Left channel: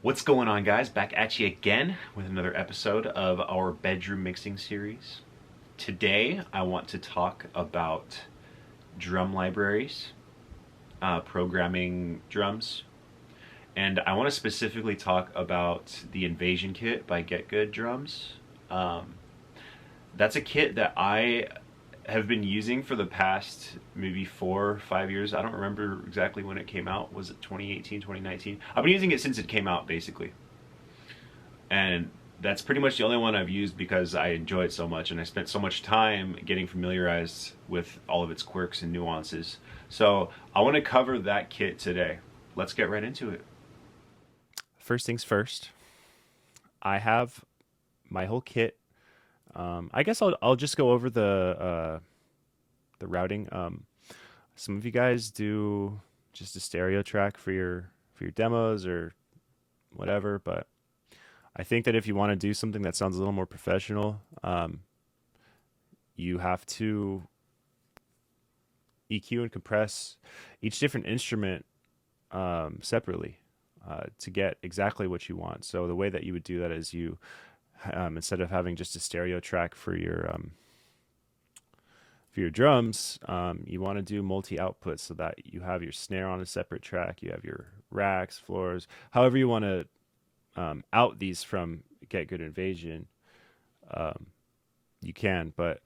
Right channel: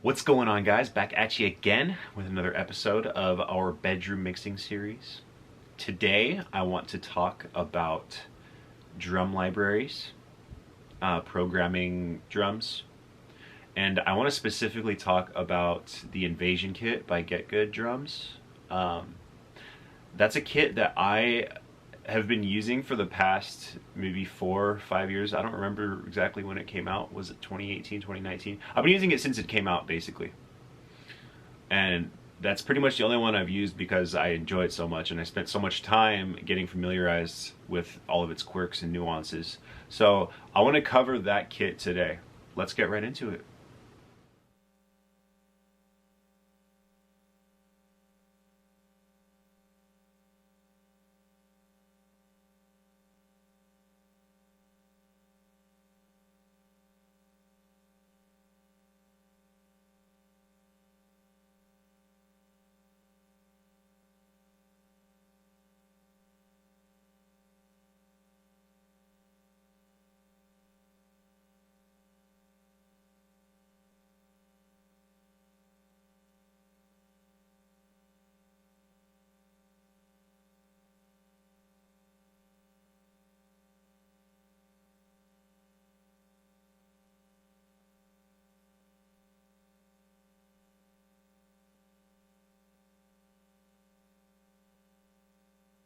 What's going on, guys? Back at you again with another episode of our bedroom mixing series. Today, I want to talk about drum libraries, programming drums, and I want to specifically talk about the Invasion Kit by Get Good Drums. Um, that's a kit that I have been using for the past maybe 4 or 5 years. I don't remember exactly when it came out. Was it 2018, 2019? I've been using it since it came out, basically. And that's pretty much the only one I've used because I enjoy it so much and I spent so much time getting familiarized with all of its quirks and nuances. So I want to cover that kit today. Let's get right into it. First things first, I have my whole kit. I guess I'll just go over the routing. Some of you guys do just a stereo track for your demos or whatever, but I think that if you want to do something that sounds a little more professional, you have to EQ and compress each different instrument separately to get exactly what you want. So the way that you would do that is you instead of having just a stereo track for your drums, you want to do multi-output so that you have your snare on a separate track, you have your racks, floors, however you want to out these from Get Good Invasion. Um, you can, but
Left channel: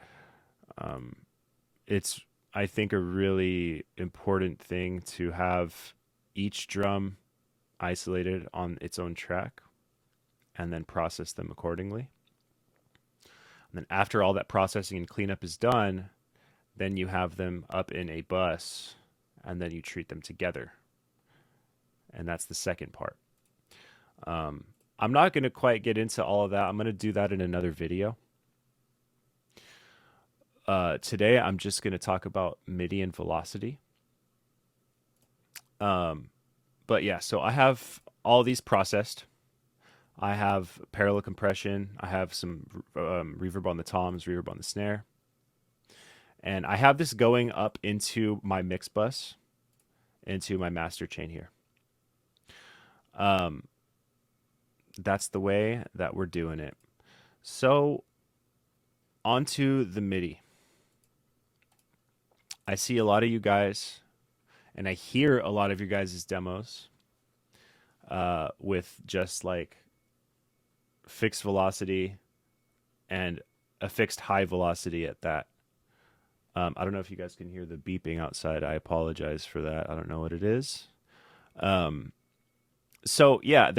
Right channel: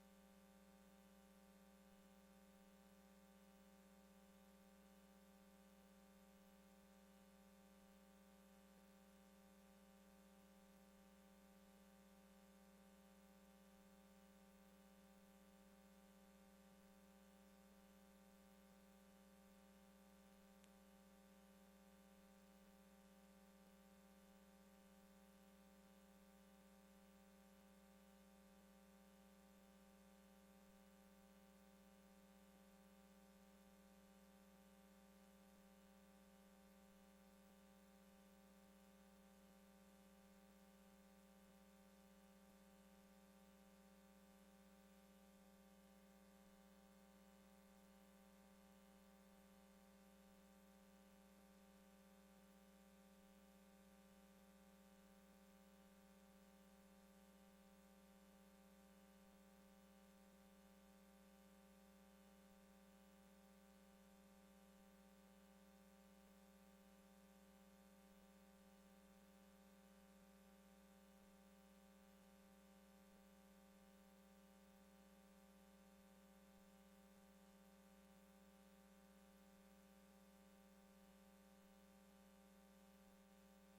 um, it's I think a really important thing to have each drum isolated on its own track and then process them accordingly. And then after all that processing and cleanup is done, then you have them up in a bus and then you treat them together. And that's the second part. Um, I'm not going to quite get into all of that. I'm going to do that in another video. Today, I'm just going to talk about MIDI and velocity. Um, but yeah, so I have all these processed. I have parallel compression. I have some reverb on the toms, reverb on the snare. And I have this going up into my mix bus, into my master chain here. Um, that's the way that we're doing it. So, onto the MIDI. I see a lot of you guys, and I hear a lot of your guys' demos with just like fixed velocity and a fixed high velocity at that. I don't know if you guys can hear the beeping outside. I apologize for that. I don't know what it is. Um, so yeah,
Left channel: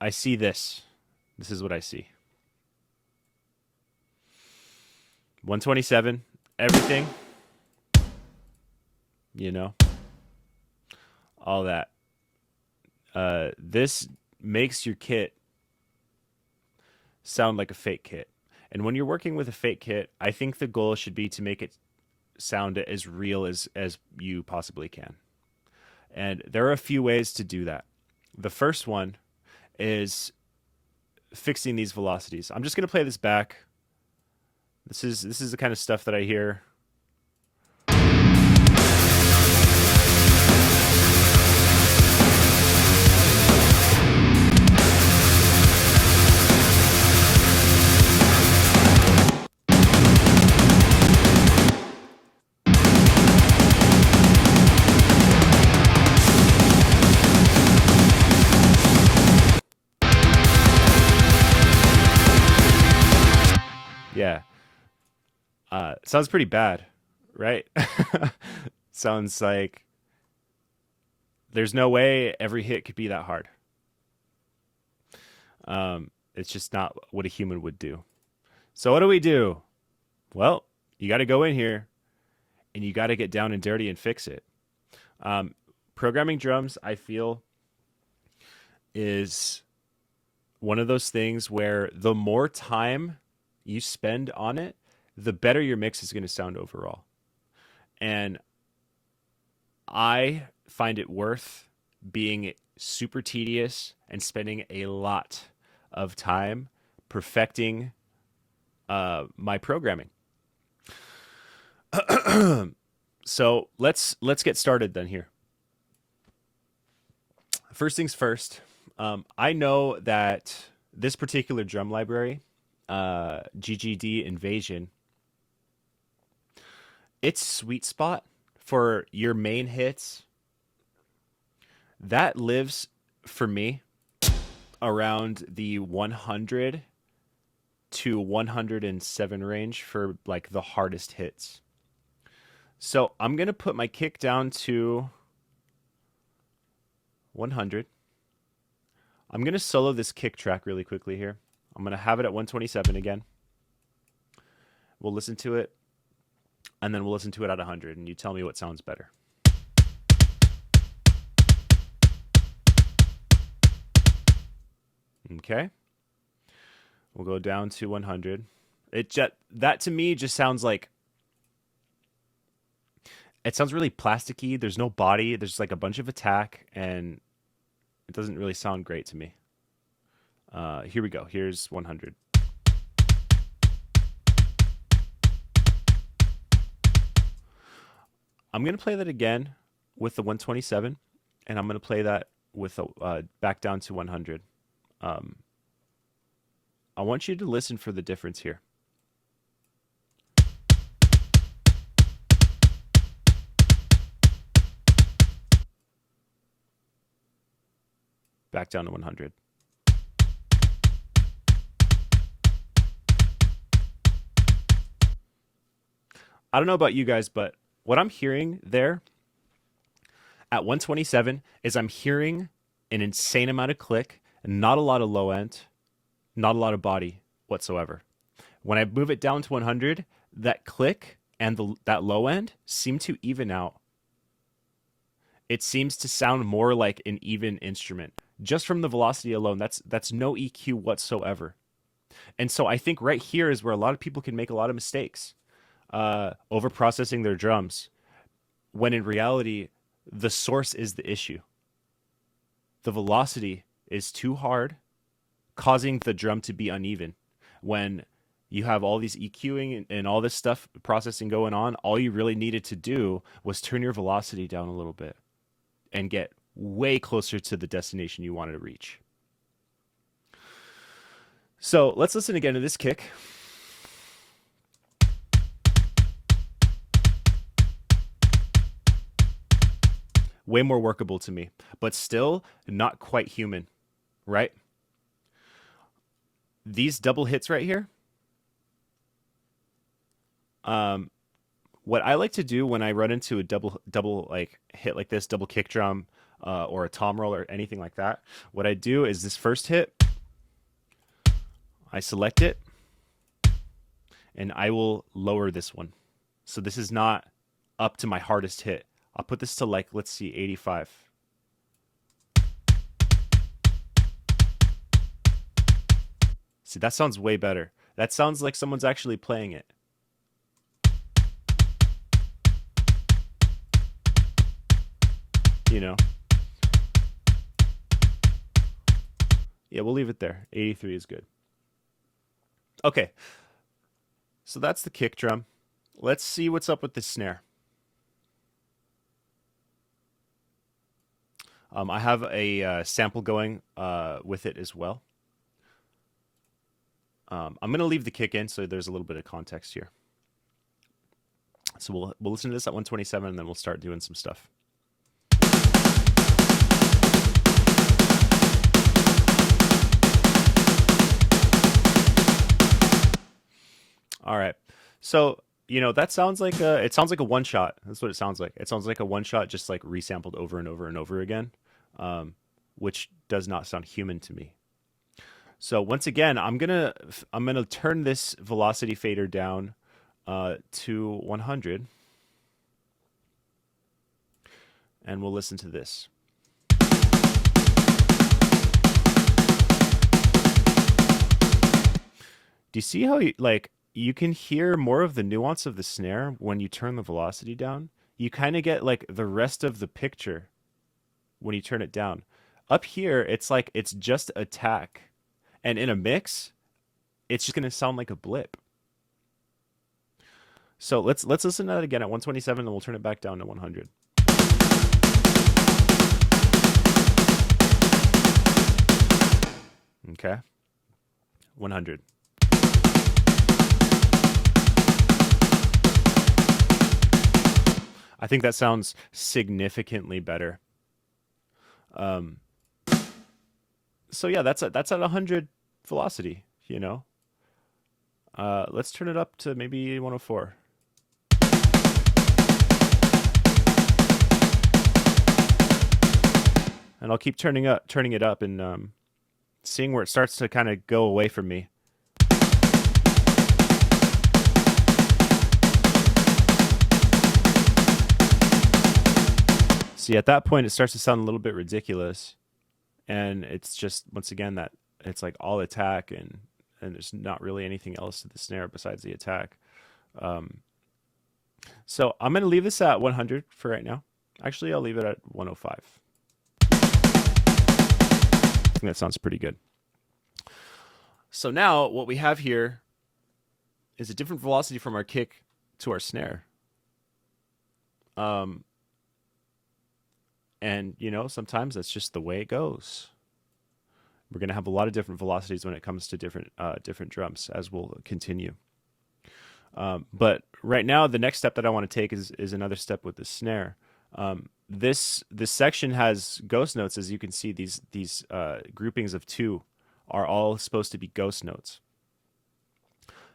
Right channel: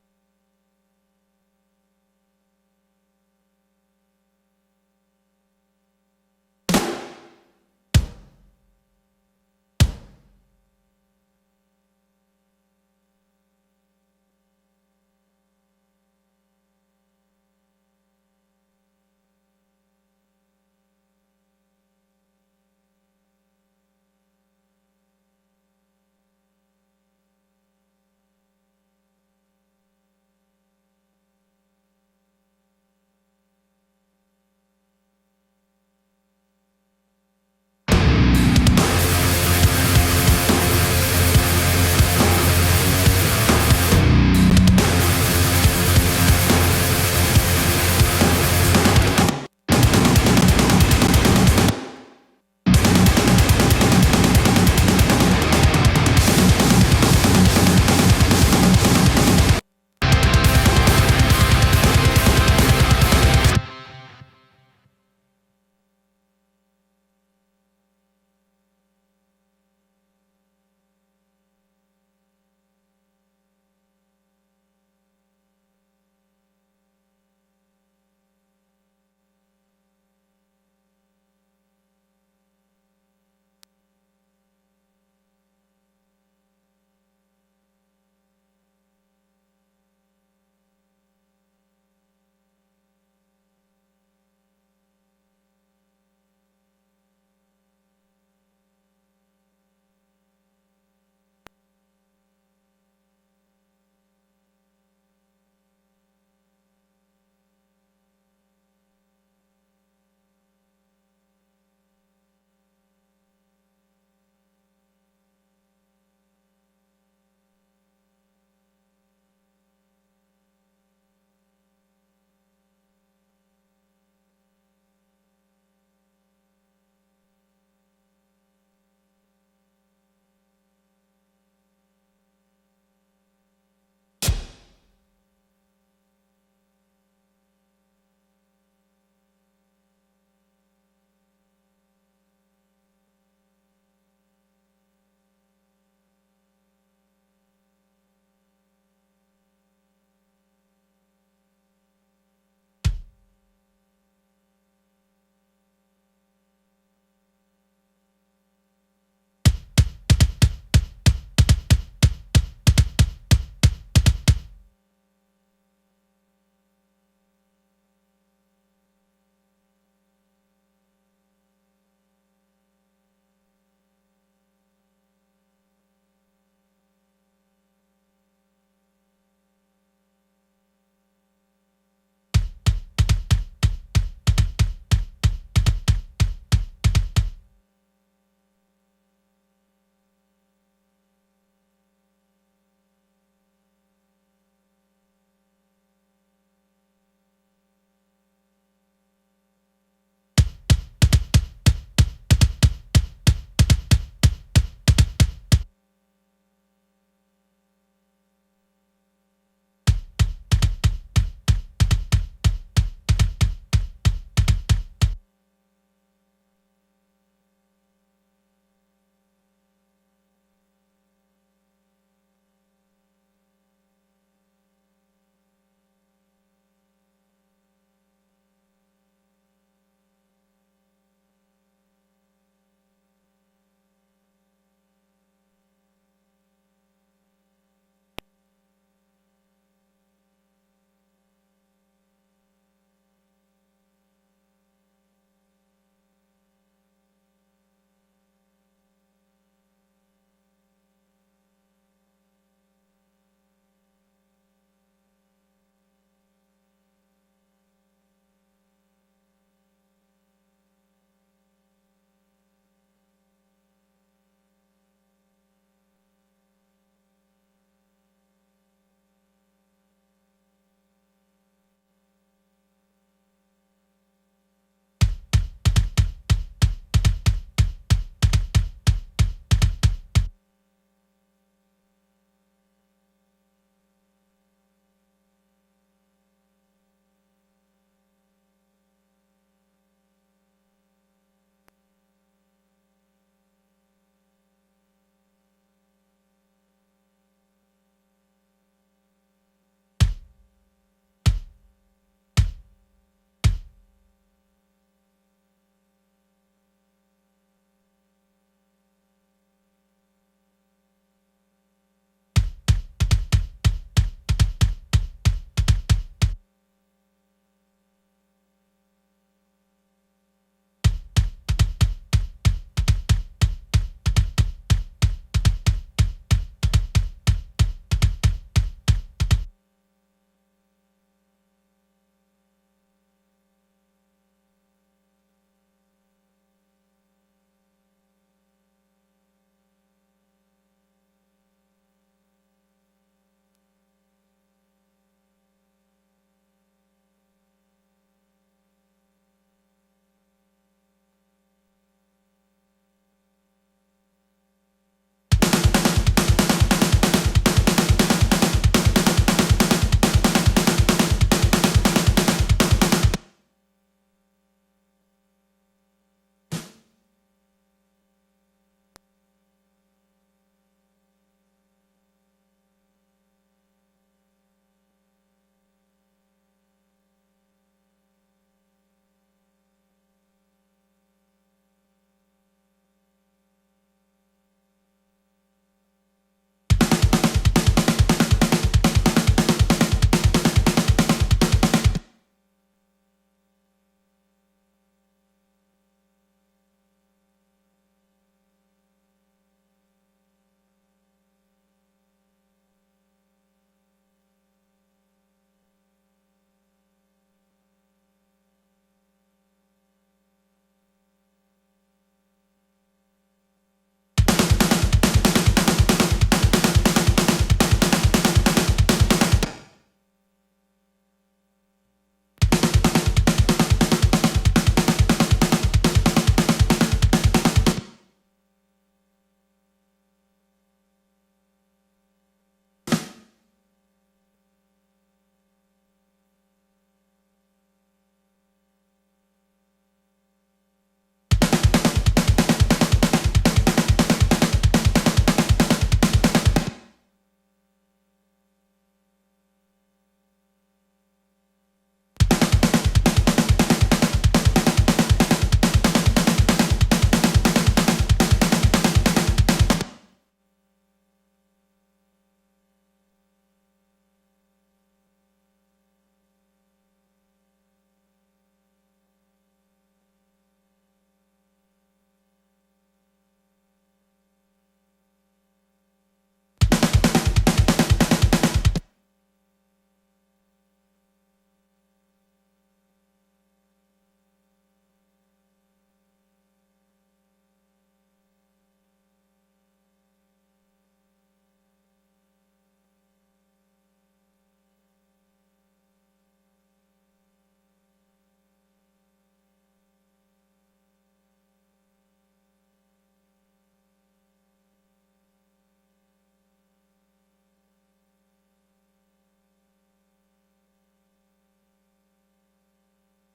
I see this. This is what I see. 127, everything, you know, all that. This makes your kit sound like a fake kit. And when you're working with a fake kit, I think the goal should be to make it sound as real as you possibly can. And there are a few ways to do that. The first one is fixing these velocities. I'm just going to play this back. This is the kind of stuff that I hear. Yeah. Sounds pretty bad, right? Sounds like there's no way every hit could be that hard. It's just not what a human would do. So what do we do? Well, you got to go in here and you got to get down and dirty and fix it. Um, Programming drums, I feel, is one of those things where the more time you spend on it, the better your mix is going to sound overall. And I find it worth being super tedious and spending a lot of time perfecting my programming. So let's get started then here. First things first, I know that this particular drum library, GGD Invasion, its sweet spot for your main hits, that lives for me around the 100 to 107 range for like the hardest hits. So I'm going to put my kick down to 100. I'm going to solo this kick track really quickly here. I'm going to have it at 127 again. We'll listen to it, and then we'll listen to it at 100, and you tell me what sounds better. Okay. We'll go down to 100. That to me just sounds like, it sounds really plasticky. There's no body. There's like a bunch of attack, and it doesn't really sound great to me. Here we go. Here's 100. I'm going to play that again with the 127, and I'm going to play that with back down to 100. I want you to listen for the difference here. Back down to 100. I don't know about you guys, but what I'm hearing there at 127 is I'm hearing an insane amount of click and not a lot of low end, not a lot of body whatsoever. When I move it down to 100, that click and that low end seem to even out. It seems to sound more like an even instrument. Just from the velocity alone, that's no EQ whatsoever. And so I think right here is where a lot of people can make a lot of mistakes. Over processing their drums, when in reality, the source is the issue. The velocity is too hard, causing the drum to be uneven. When you have all these EQing and all this stuff processing going on, all you really needed to do was turn your velocity down a little bit and get way closer to the destination you wanted to reach. So let's listen again to this kick. Way more workable to me, but still not quite human, right? These double hits right here. What I like to do when I run into a double like hit like this, double kick drum, or a tom roll or anything like that, what I do is this first hit, I select it, and I will lower this one. So this is not up to my hardest hit. I'll put this to like, let's see, 85. See, that sounds way better. That sounds like someone's actually playing it. You know? Yeah, we'll leave it there. 83 is good. Okay. So that's the kick drum. Let's see what's up with the snare. I have a sample going with it as well. I'm going to leave the kick in so there's a little bit of context here. So we'll listen to this at 127 and then we'll start doing some stuff. All right. So, you know, that sounds like it sounds like a one shot. That's what it sounds like. It sounds like a one shot just like resampled over and over and over again. Which does not sound human to me. So once again, I'm gonna turn this velocity fader down to 100, and we'll listen to this. Do you see how you can hear more of the nuance of the snare when you turn the velocity down? You kind of get like the rest of the picture when you turn it down. Up here, it's like it's just attack. And in a mix, it's just going to sound like a blip. So let's listen to that again at 127 and we'll turn it back down to 100. Okay, 100. I think that sounds significantly better. Um, so yeah, that's at 100 velocity. You know, let's turn it up to maybe 104. And I'll keep turning it up, and seeing where it starts to kind of go away from me. See, at that point, it starts to sound a little bit ridiculous, and it's just once again that it's like all attack, and there's not really anything else to the snare besides the attack. Um, so I'm gonna leave this at 100 for right now. Actually, I'll leave it at 105. I think that sounds pretty good. So now what we have here is a different velocity from our kick to our snare. And you know, sometimes that's just the way it goes. We're going to have a lot of different velocities when it comes to different drums, as we'll continue. But right now, the next step that I want to take is another step with the snare. This section has ghost notes, as you can see. These groupings of 2 are all supposed to be ghost notes.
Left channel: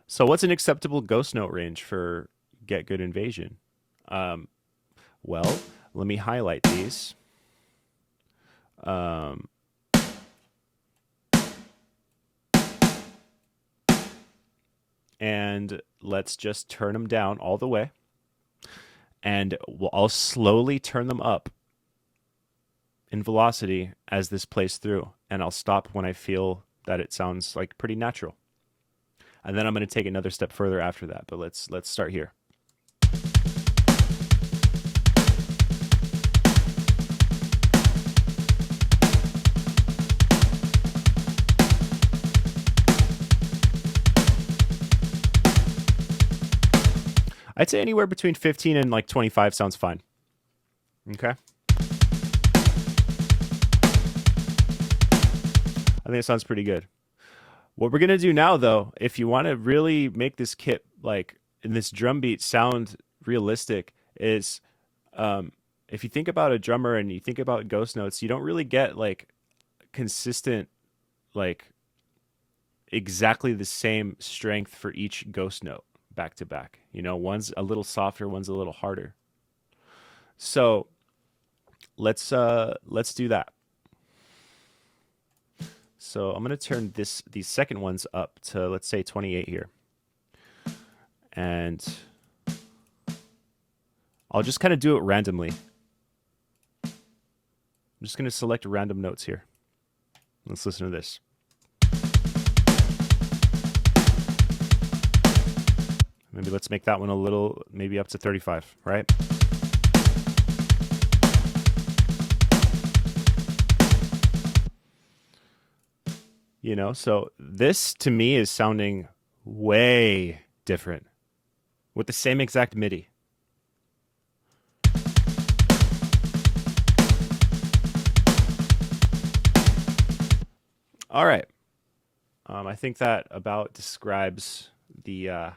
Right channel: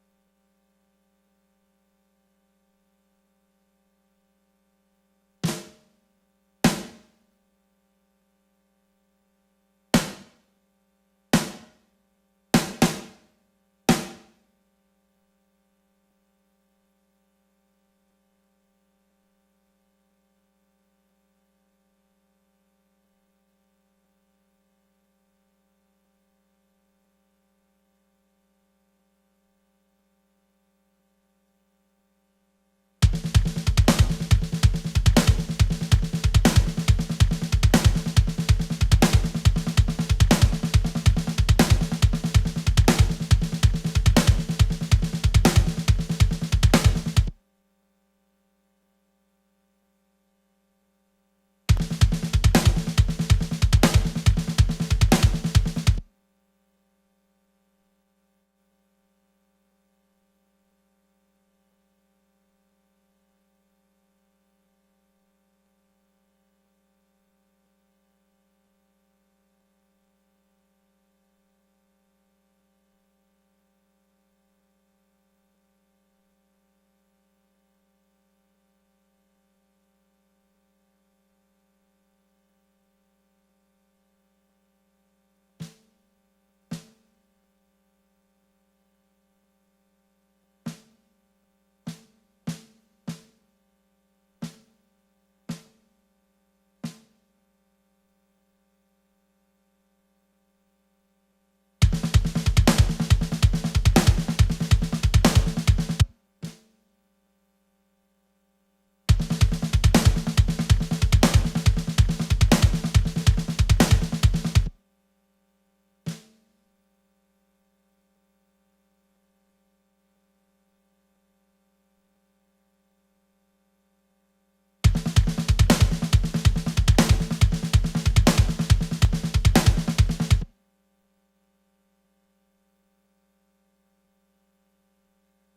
So what's an acceptable ghost note range for Get Good Invasion? Well, let me highlight these. And let's just turn them down all the way. And I'll slowly turn them up in velocity as this plays through. And I'll stop when I feel that it sounds like pretty natural. And then I'm going to take another step further after that. But let's start here. I'd say anywhere between 15 and like 25 sounds fine. Okay. I think it sounds pretty good. What we're going to do now, though, if you want to really make this kit, like, in this drum beat sound realistic, is if you think about a drummer and you think about ghost notes, you don't really get, like, consistent, like, exactly the same strength for each ghost note back to back. You know, one's a little softer, one's a little harder. So let's do that. So I'm going to turn these second ones up to, let's say, 28 here. And I'll just kind of do it randomly. I'm just going to select random notes here. Let's listen to this. Maybe let's make that one a little, maybe up to 35, right? You know, so this to me is sounding way different with the same exact MIDI. All right. I think that about describes the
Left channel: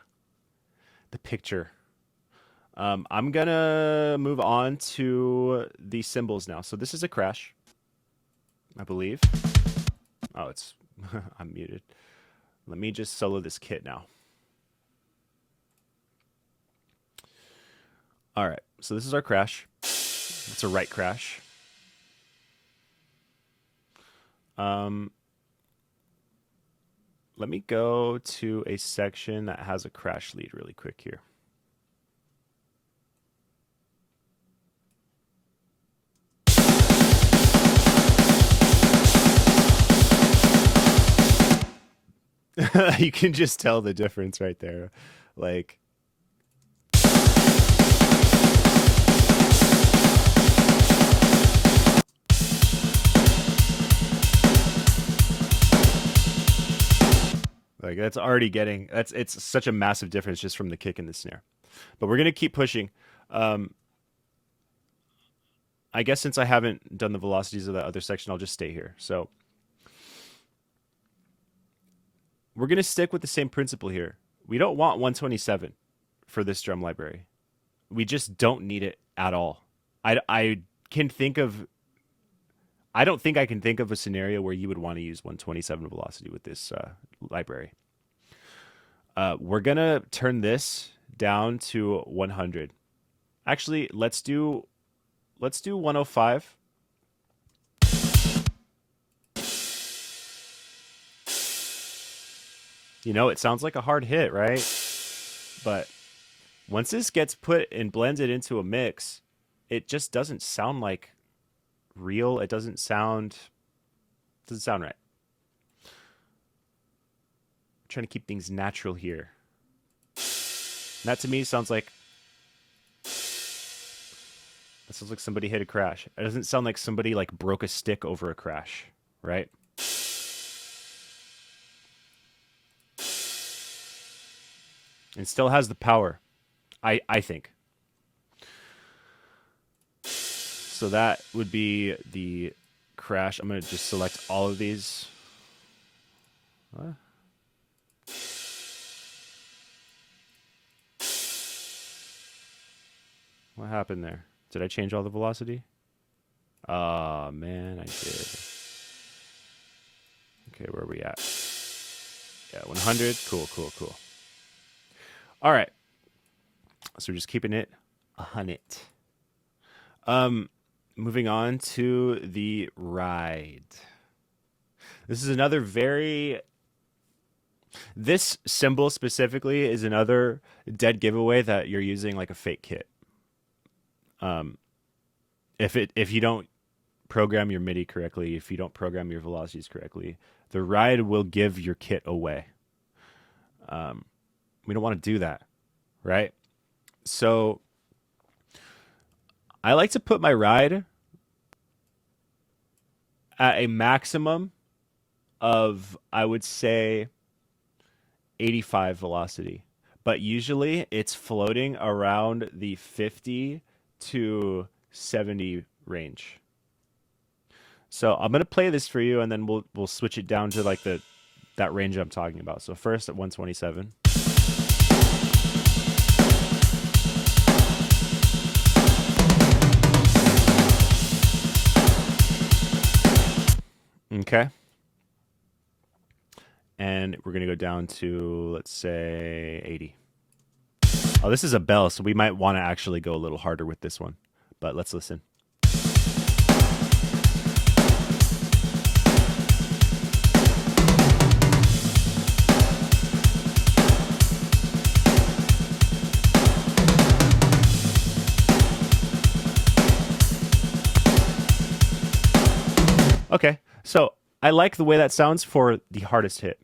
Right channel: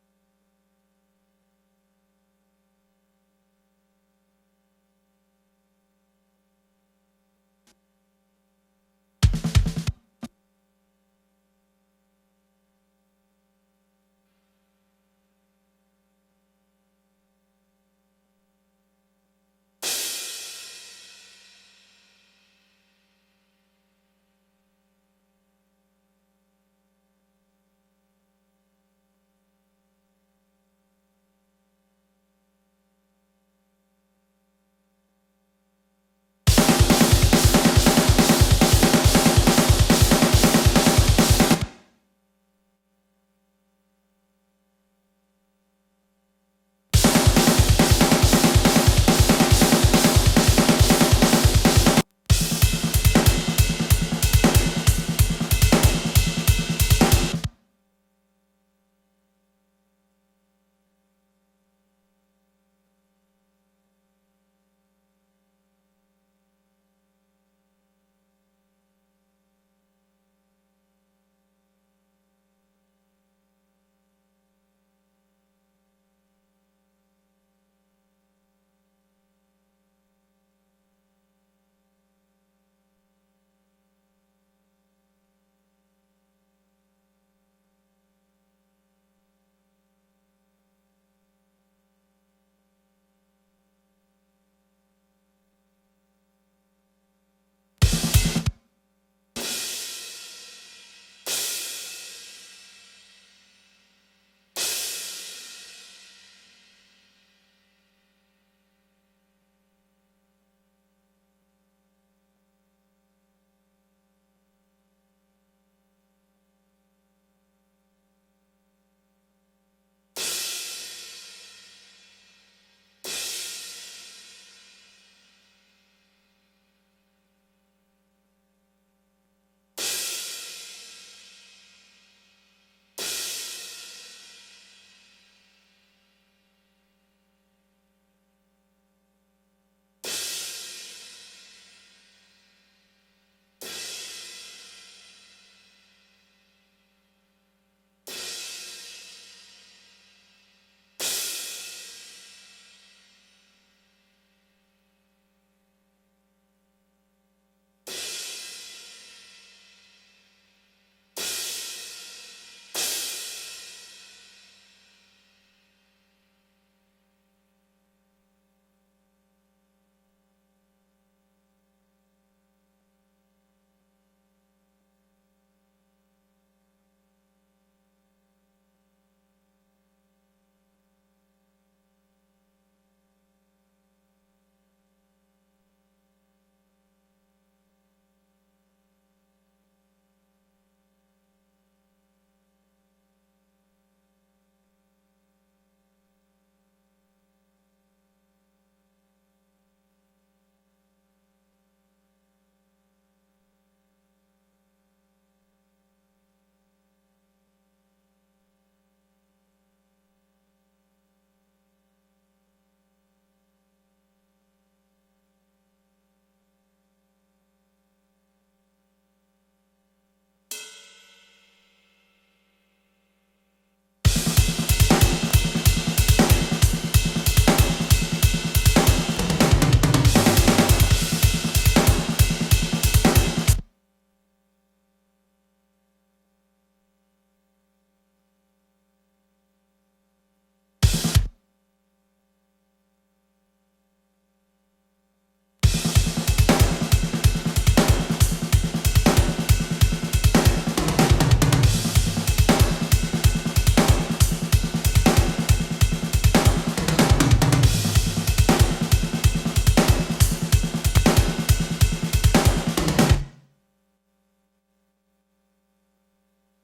picture. I'm gonna move on to the cymbals now. So this is a crash, I believe. Oh, it's I'm muted. Let me just solo this kit now. All right, so this is our crash. It's a right crash. Let me go to a section that has a crash lead really quick here. You can just tell the difference right there. Like, that's already getting, it's such a massive difference just from the kick and the snare. But we're going to keep pushing. I guess since I haven't done the velocities of that other section, I'll just stay here. So we're going to stick with the same principle here. We don't want 127 for this drum library. We just don't need it at all. I can think of, I don't think I can think of a scenario where you would want to use 127 velocity with this library. We're going to turn this down to 100. Actually, let's do 105. You know, it sounds like a hard hit, right? But once this gets put and blended into a mix, it just doesn't sound like real. It doesn't sound right. I'm trying to keep things natural here. And that to me sounds like somebody hit a crash. It doesn't sound like somebody like broke a stick over a crash, right? It still has the power, I think. So that would be the crash. I'm going to just select all of these. What happened there? Did I change all the velocity? Oh, man, I did. Okay, where are we at? Yeah, 100. Cool. All right. So we're just keeping it 100. Moving on to the ride. This is another this symbol specifically is another dead giveaway that you're using like a fake kit. If you don't program your MIDI correctly, if you don't program your velocities correctly, the ride will give your kit away. We don't want to do that, right? So I like to put my ride at a maximum of, I would say, 85 velocity. But usually it's floating around the 50 to 70 range. So I'm going to play this for you, and then we'll switch it down to like that range I'm talking about. So first at 127. Okay. And we're going to go down to, let's say, 80. Oh, this is a bell, so we might want to actually go a little harder with this one. But let's listen. Okay, so I like the way that sounds for the hardest hit.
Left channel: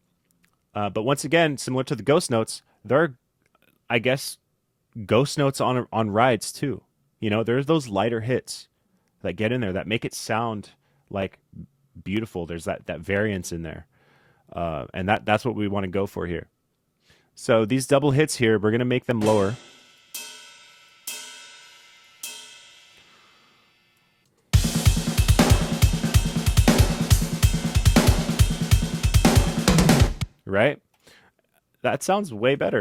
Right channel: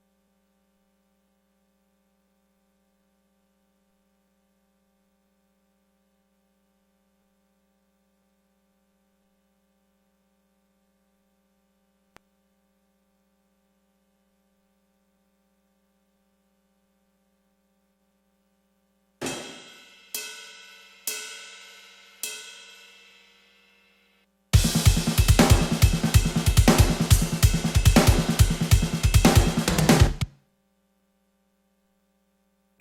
But once again, similar to the ghost notes, there are, I guess, ghost notes on rides too. You know, there's those lighter hits that get in there that make it sound like beautiful. There's that variance in there. And that's what we want to go for here. So these double hits here, we're going to make them lower. Right? That sounds way better.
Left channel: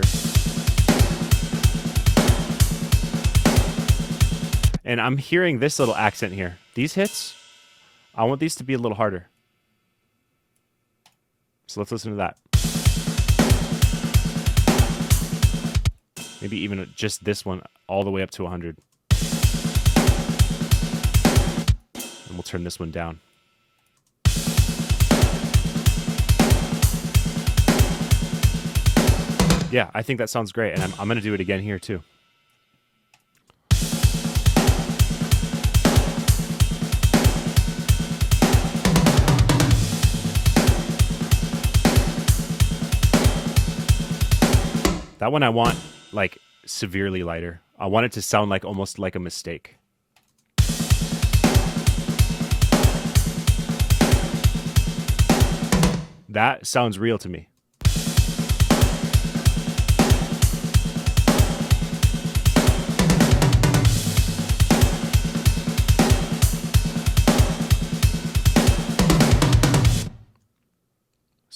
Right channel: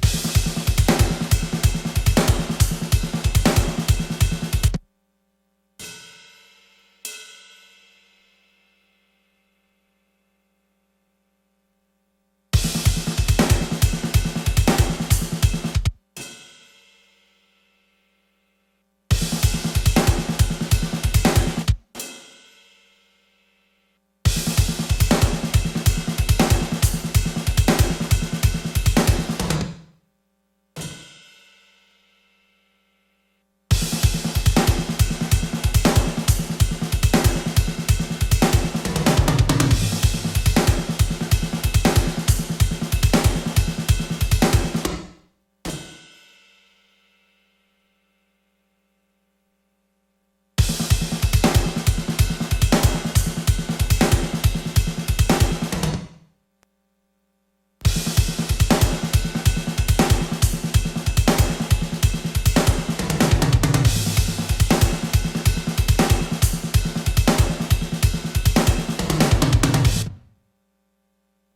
And I'm hearing this little accent here. These hits, I want these to be a little harder. So let's listen to that. Maybe even just this one all the way up to 100. And we'll turn this one down. Yeah, I think that sounds great. And I'm going to do it again here too. That one I want like severely lighter. I want it to sound like almost like a mistake. That sounds real to me.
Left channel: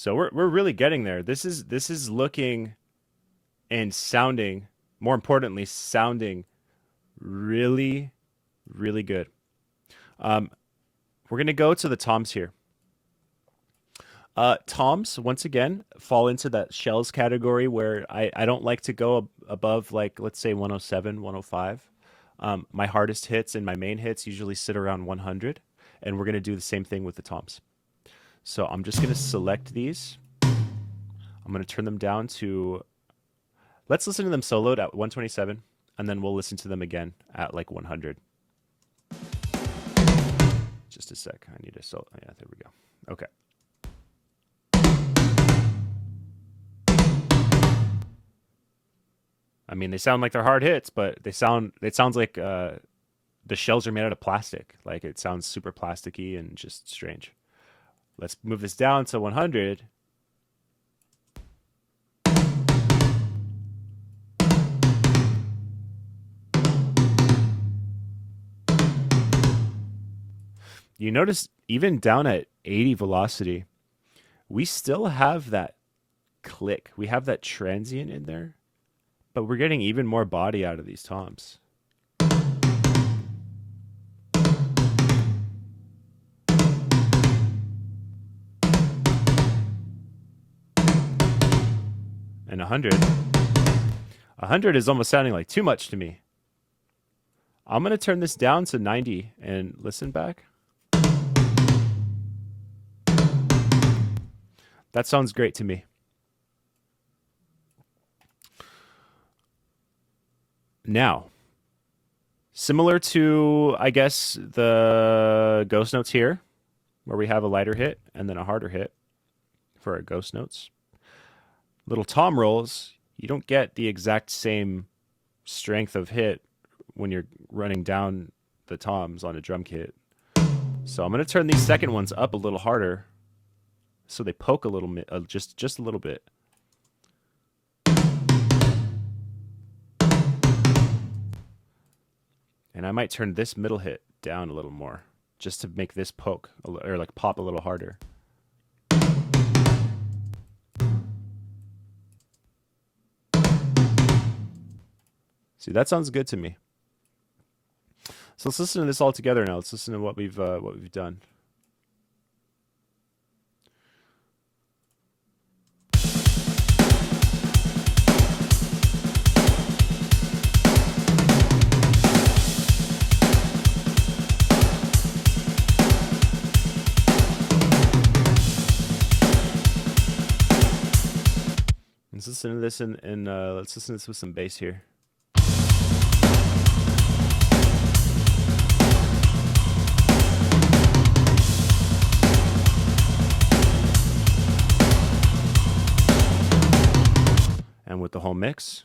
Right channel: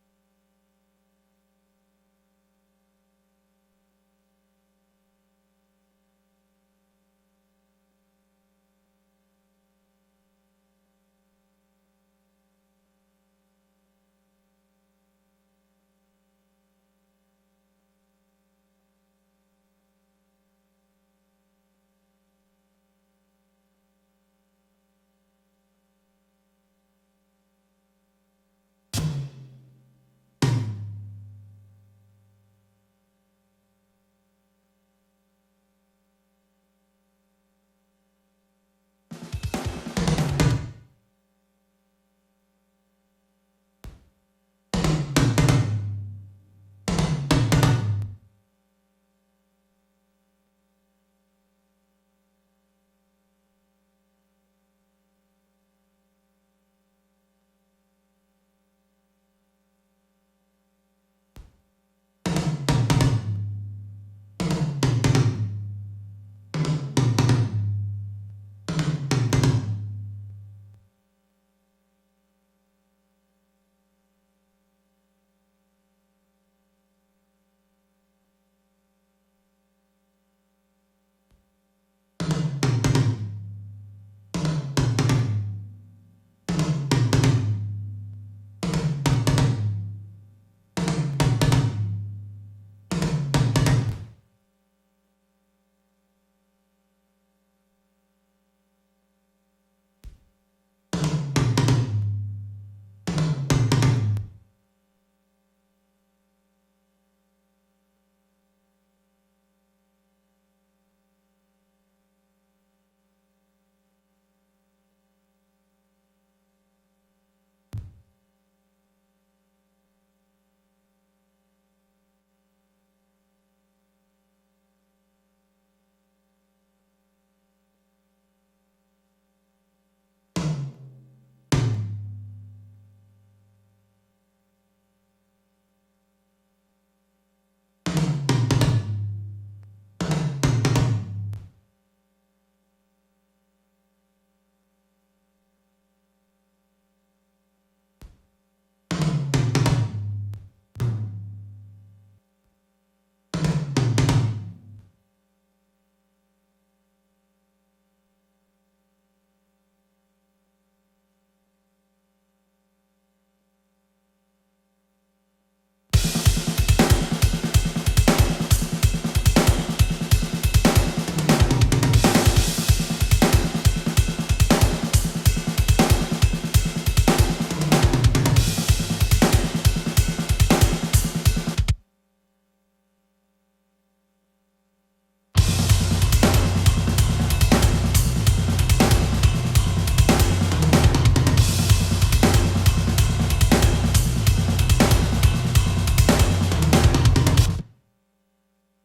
So we're really getting there. This is looking and sounding, more importantly, sounding really, really good. Um, we're gonna go to the toms here. Toms, once again, fall into that shells category where I don't like to go above, like, let's say 107, 105. My hardest hits and my main hits usually sit around 100, and we're going to do the same thing with the toms. So I'm just going to select these. I'm going to turn them down to, let's listen to them soloed at 127, and then we'll listen to them again at like 100. Just a sec. I need a solo. Yeah, there we go. Okay. I mean, they sound like they're hard hits, but it sounds like the shells are made out of plastic. Like it sounds super plasticky and just strange. Let's move this down to 100. You notice even down at 80 velocity, we still have that click. We have that transient in there, but we're getting even more body out of these toms. And 100. 100 is almost sounding like too much to me. I'm going to turn this down to 90 and listen back. That sounds great to me. Now, similar to, I guess, the ghost notes here, where we have a lighter hit and then a harder hit for our ghost notes. Little tom rolls, you don't get the exact same strength of hit when you're running down the toms on a drum kit. So I'm going to turn these second ones up a little harder so they poke a little bit, just a little bit. And I might turn this middle hit down a little more just to make this poke or like pop a little harder. See, that sounds good to me. So let's listen to this all together now. Let's listen to what we've done. Let's listen to this let's listen to this with some bass here. And with the whole mix.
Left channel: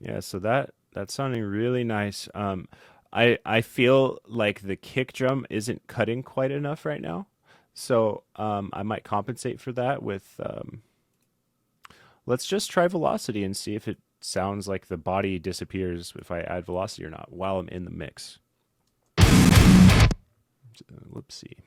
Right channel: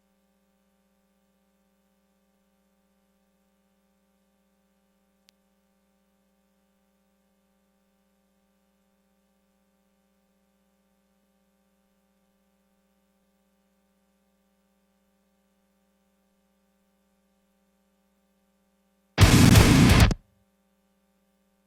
Yeah, so that's sounding really nice. I feel like the kick drum isn't cutting quite enough right now, so I might compensate for that with let's just try velocity and see if it sounds like the body disappears if I add velocity or not while I'm in the mix. Whoopsie.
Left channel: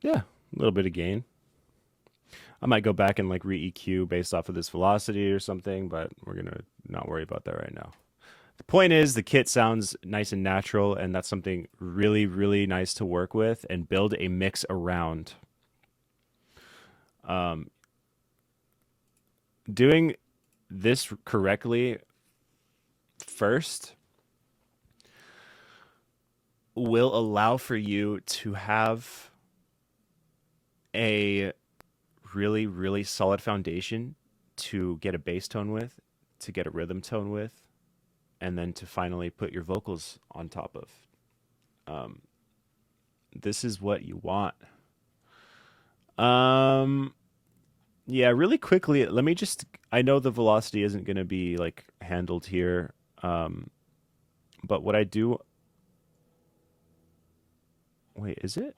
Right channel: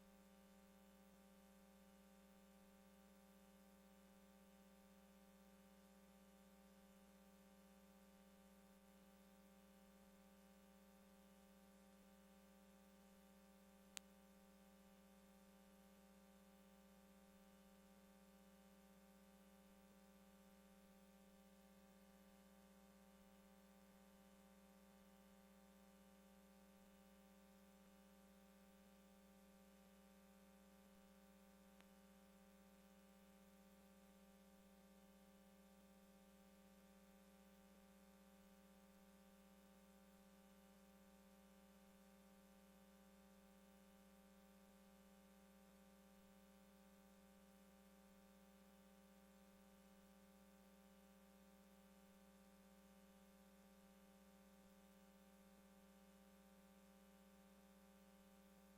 Yeah, a little bit of gain. I might go back and like re-EQ based off of this velocity or something, but we're going to not worry about that right now. The point is the kit sounds nice and natural, and that's something really, really nice to work with and build a mix around. Doing this correctly first will allow for you to have a really, really solid foundation to get a bass tone with to get a rhythm tone with, and then to finally put your vocals on top of. Um, this is what you want. Um, yeah, really quickly, let me just. I know the velocity isn't going to be like handled here, but what I do. Wait, is it?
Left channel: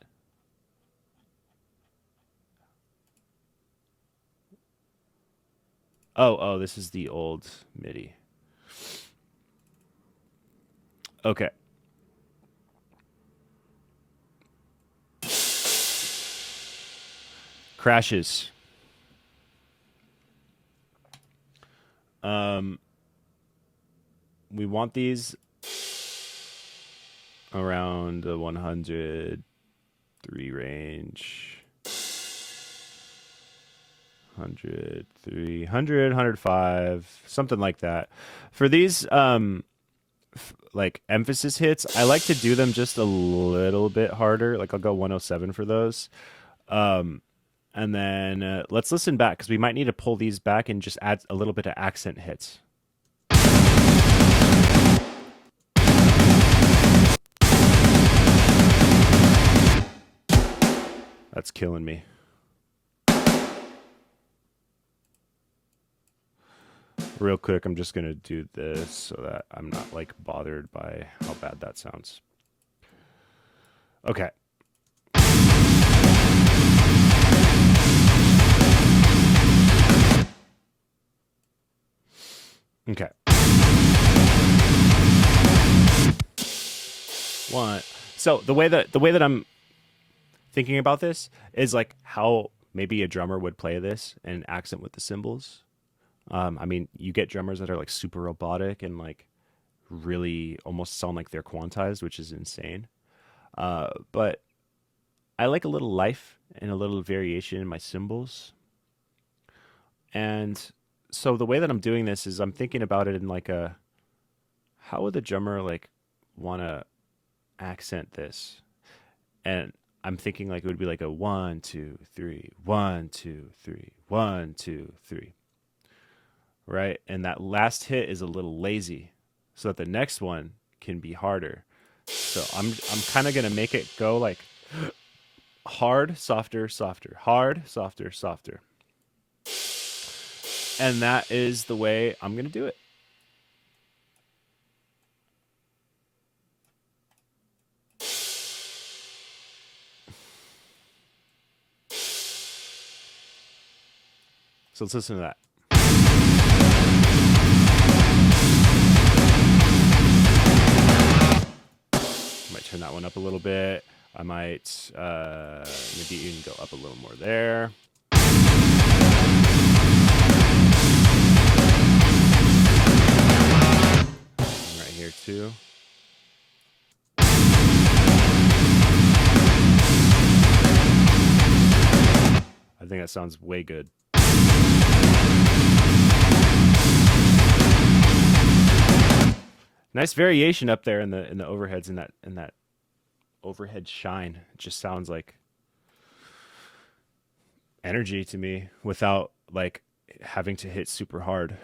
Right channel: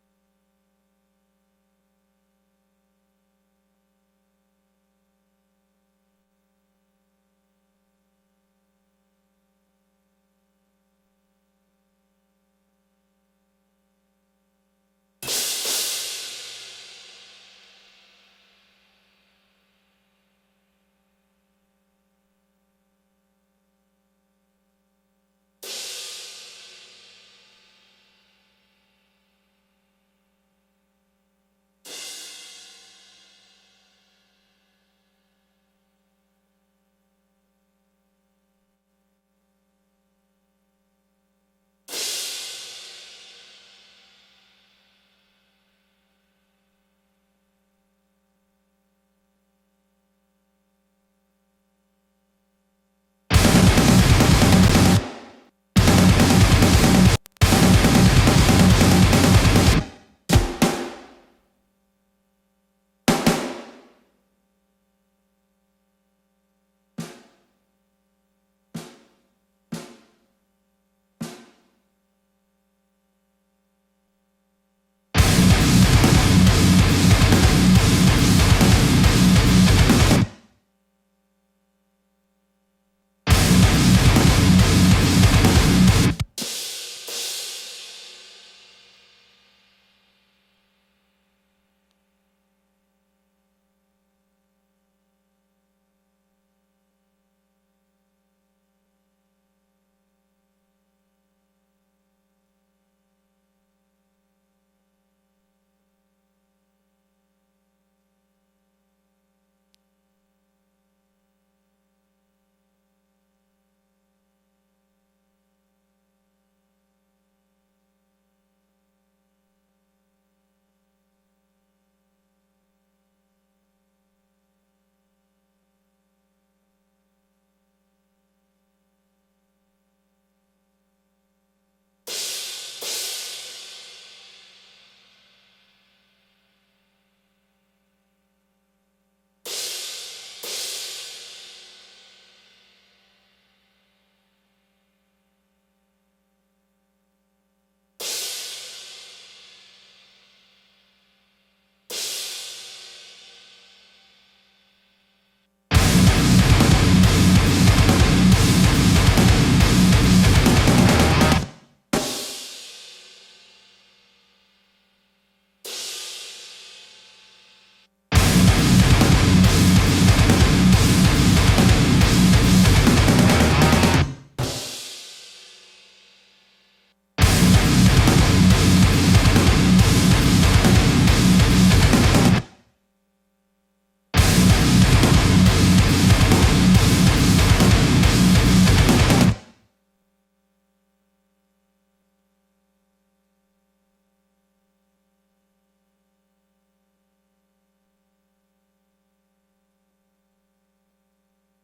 Oh, this is the old MIDI. Okay. Crashes. Um, we want these around the 103 range. 103, 100, 105, something like that. For these like emphasis hits, I like to do them just a little bit harder. Like I'll go 107 for those. Um, and then let's listen back because we might need to pull these back and just add a little bit of accent hits. That's killing me. Real quick, I'm just going to do this so that I'm not like bothered by how bad that sounds. Okay. Okay. One. So the way that I'm thinking about this is like how maybe a drummer would play this and accent with the cymbals. I mean, you get drummers that are like super robotic and like really almost sound like they're quantized, which is insane. But I like a little life and a little variation in my cymbals. And so the way that I'm doing this is I'm thinking about it in like a how would the drummer like want to accent this? And I'm thinking like it would be like a 1, 2, 3, 1, 2, 3, 1, 2, 3. Right? And that last hit is a little lazy so that the next one can be harder. So I'm kind of going to make it go like hard, softer, softer, hard, softer, softer. And that is the way I'm going to do it. So let's listen to that. I might turn that one up a little bit. I might maybe even go up a little more there. And right here too. I think that sounds way good. Nice variation up there in the overheads in that overhead shine. It just sounds like energy to me without like having to hit super hard.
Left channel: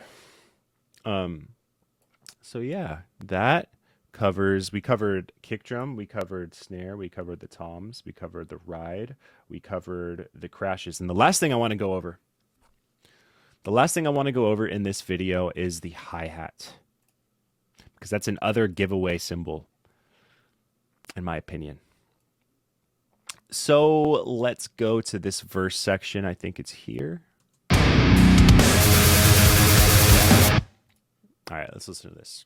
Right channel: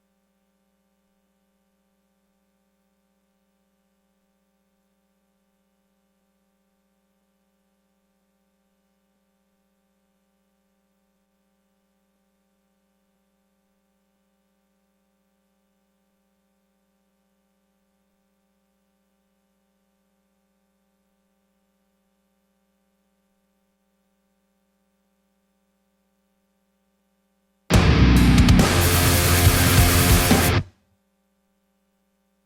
So yeah, that covers we covered kick drum, we covered snare, we covered the toms, we covered the ride, we covered the crashes. And the last thing I want to go over in this video is the hi-hat. Because that's another giveaway cymbal, in my opinion. So let's go to this verse section. I think it's here. All right, let's listen to this.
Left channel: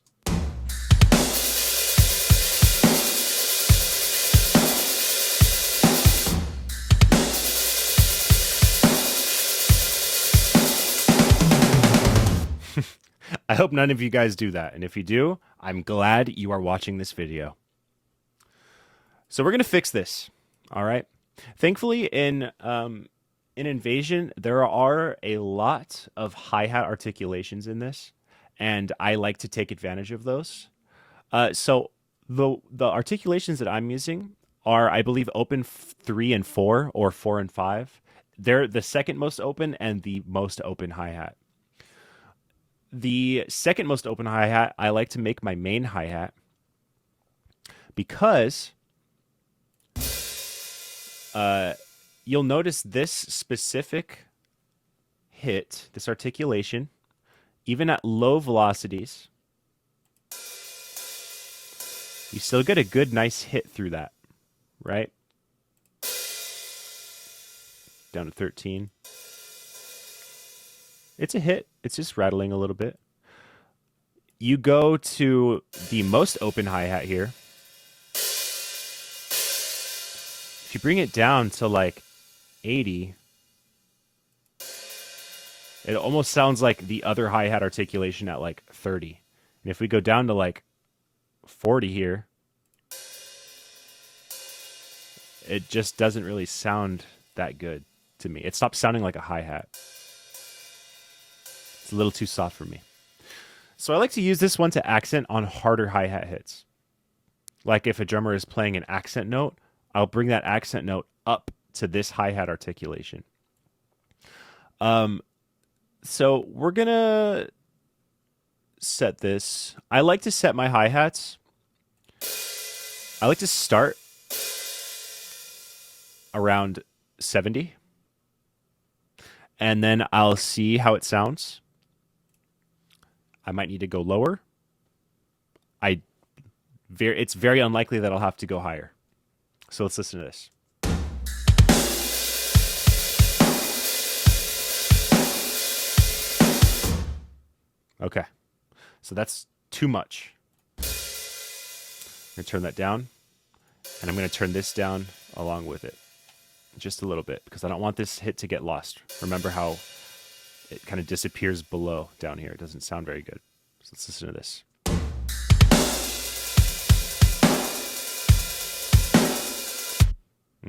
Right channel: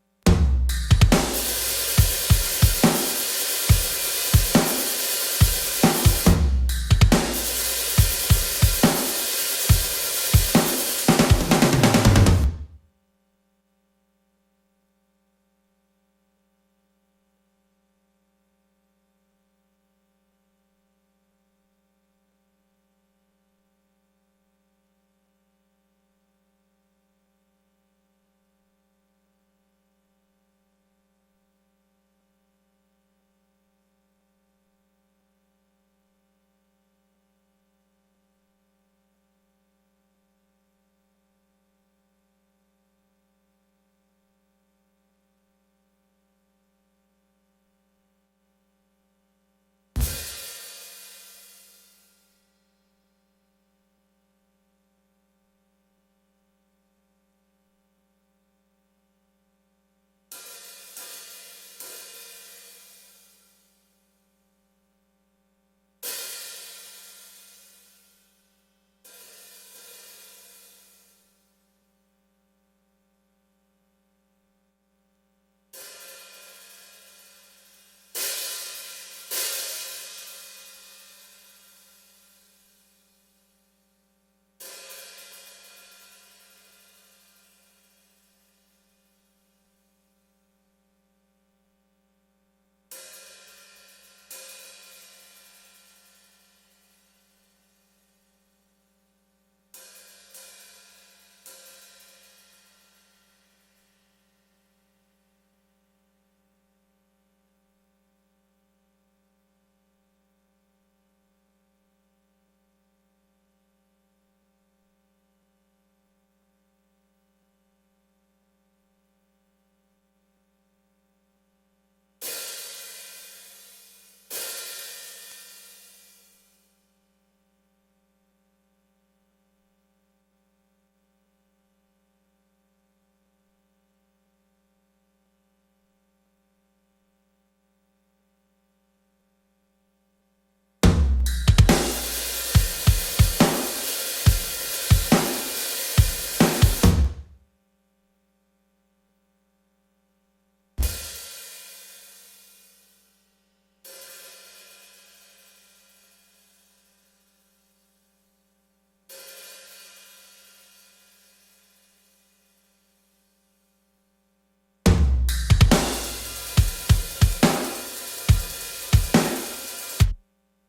I hope none of you guys do that. And if you do, I'm glad you are watching this video. So we're going to fix this. All right. Thankfully, in Invasion, there are a lot of hi-hat articulations in this, and I like to take advantage of those. So the articulations that I'm using are, I believe, open 3 and 4 or 4 and 5. They're the second most open and the most open hi-hat. The second most open hi-hat, I like to make my main hi-hat because you'll notice this specific hit, this articulation, even at low velocities, you still get a good, nice hit through that, right? Down to 13. It's a hit. It's just rattling a little bit. You go to the most open hi-hat here. If you bring it down to like 80, it almost sounds like the other hi-hat articulation at like 30. And if we go down to like 40 here, it just doesn't really sound that good to me. It stops sounding like a hi-hat. It's a little too soft for me. So I like to use this one to accent on harder hi-hat hits. Like if a drummer is playing an accent note, I'll bring that accent note up to this hi-hat articulation. So we're going to set this. I like to set my hi-hats. I like to start around 70. And then I'll see how it sounds. I might need to go lower. It's very unlikely that I'll have to go higher. So let's listen to this. Okay. So that's too much. I'm going to turn that down. And I'm going to turn this down along with it. Just a little bit. Because I don't want this hit to get lost. Remember how it kind of disappears below down here. It doesn't sound very good. So let's listen to this.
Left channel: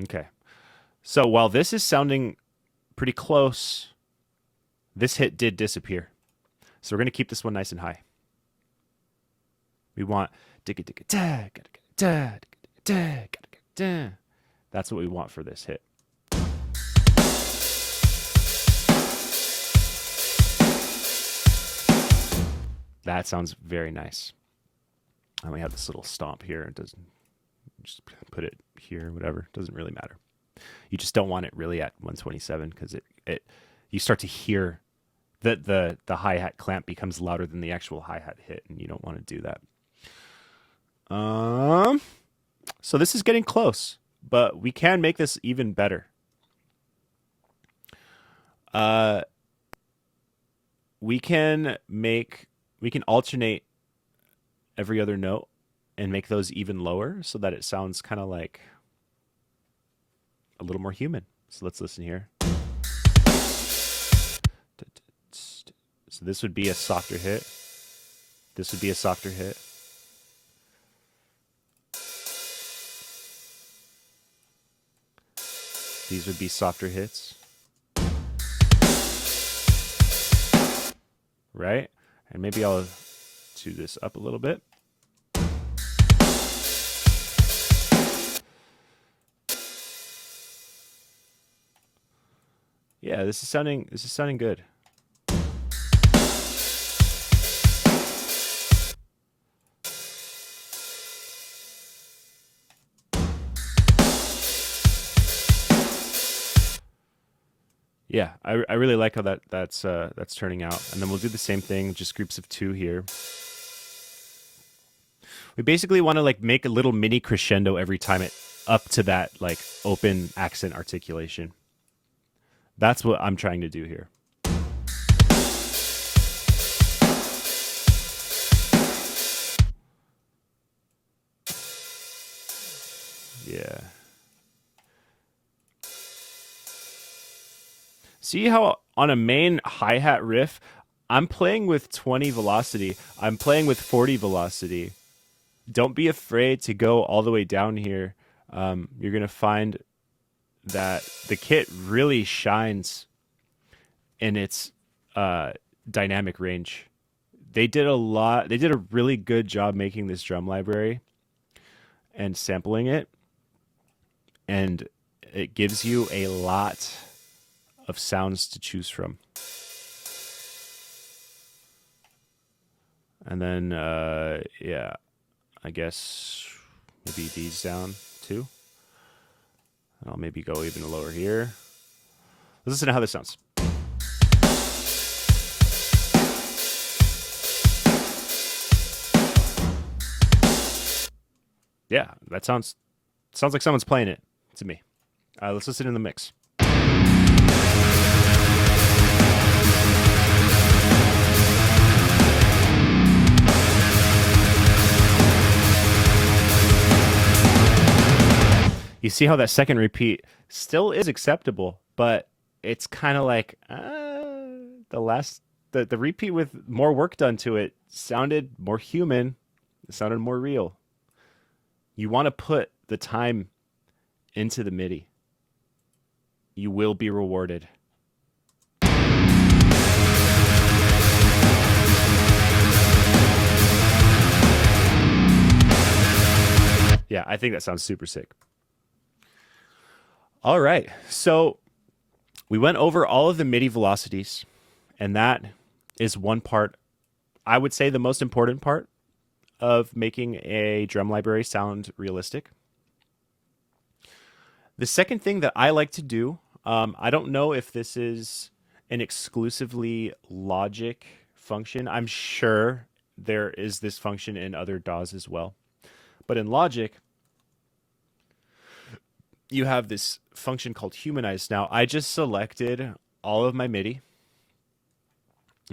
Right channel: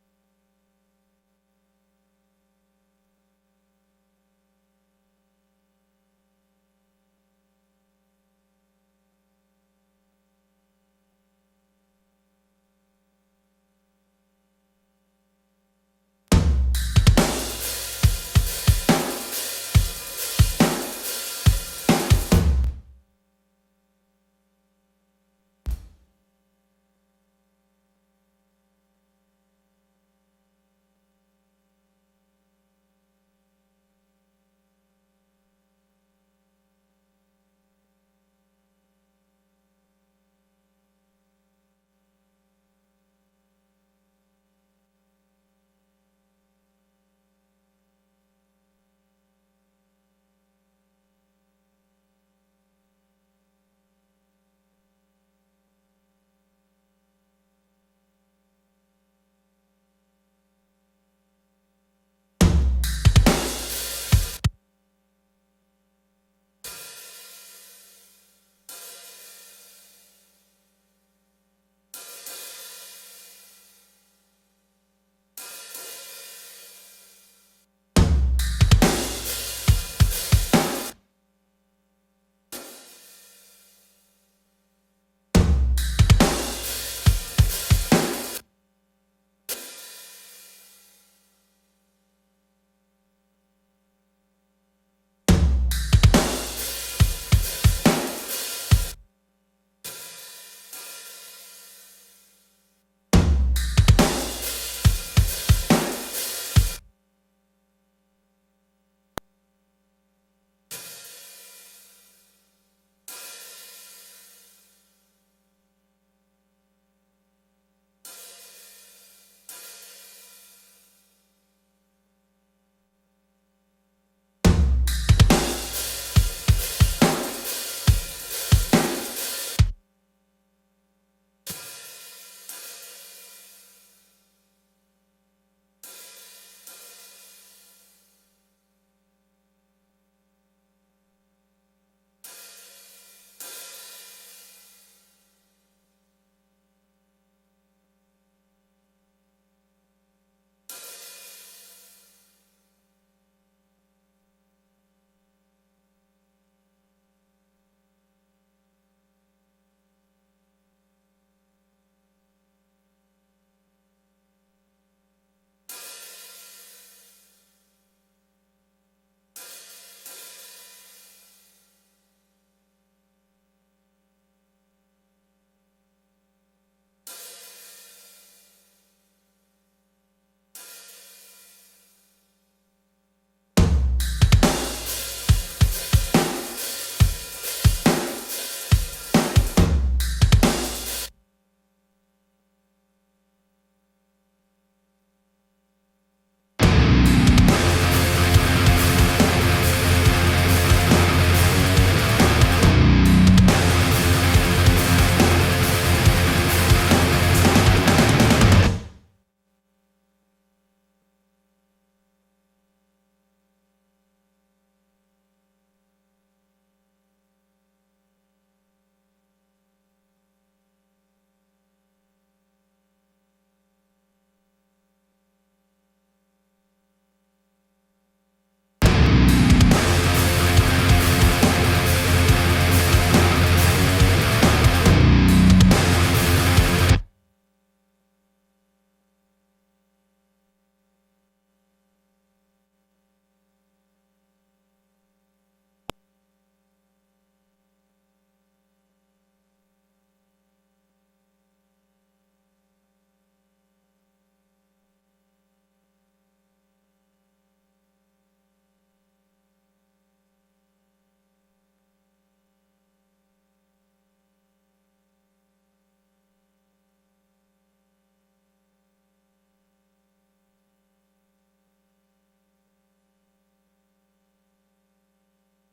Okay. So while this is sounding pretty close, this hit did disappear. So we're going to keep this one nice and high. We want that's what we want for this hit. That sounds very nice. And we have this little stomp here. It doesn't just put it here, whatever. It doesn't really matter. You just don't want it really at 127 because it you start to hear that the hi-hat clamp becomes louder than the actual hi-hat hit, and you don't want to do that. So this is getting close, but we can make this even better. We can alternate every other note and make those even lower so that it sounds kind of like a little more human. So let's listen here. So this would be a softer hit. This would be a softer hit. These would be softer hits. Right? And maybe I'll tune this up a little bit. Yeah, this is sounding good. Yeah, I really like how that's turning out. And then we'll do the same thing, just groups of two here. We basically want to like make a little mini crescendo every time it up to that like open accent articulation. That's what I'm trying to do here. Yeah. See how on a main hi-hat riff, I'm playing with 20 velocity. I'm playing with 40 velocity. Don't be afraid to go all the way down here. You're going to find that the kit really shines in its dynamic range. They did a really good job making this drum library and sampling it. And it gives you a lot of sounds to choose from. And then, yeah, I guess maybe these down too. I'll maybe go even lower here. Let's listen to how this sounds. Yeah, that sounds like someone's playing it to me. Let's listen in the mix. You see how that second repeat still is acceptable, but it's kind of like the repeat with more work done to it sounded more human. It sounded more real. You want to put the time into the MIDI. You will be rewarded. Yeah, I think that sounds super sick. All right, so we went over all of the MIDI velocities, and that is one part, I would say the most important part of making a drum library sound realistic. The second thing that I like to do, I don't know if this is an exclusively Logic function. I'm sure there is this function in other DAWs as well. But in Logic, you have this function called Humanize. Now, I just selected all of my MIDI.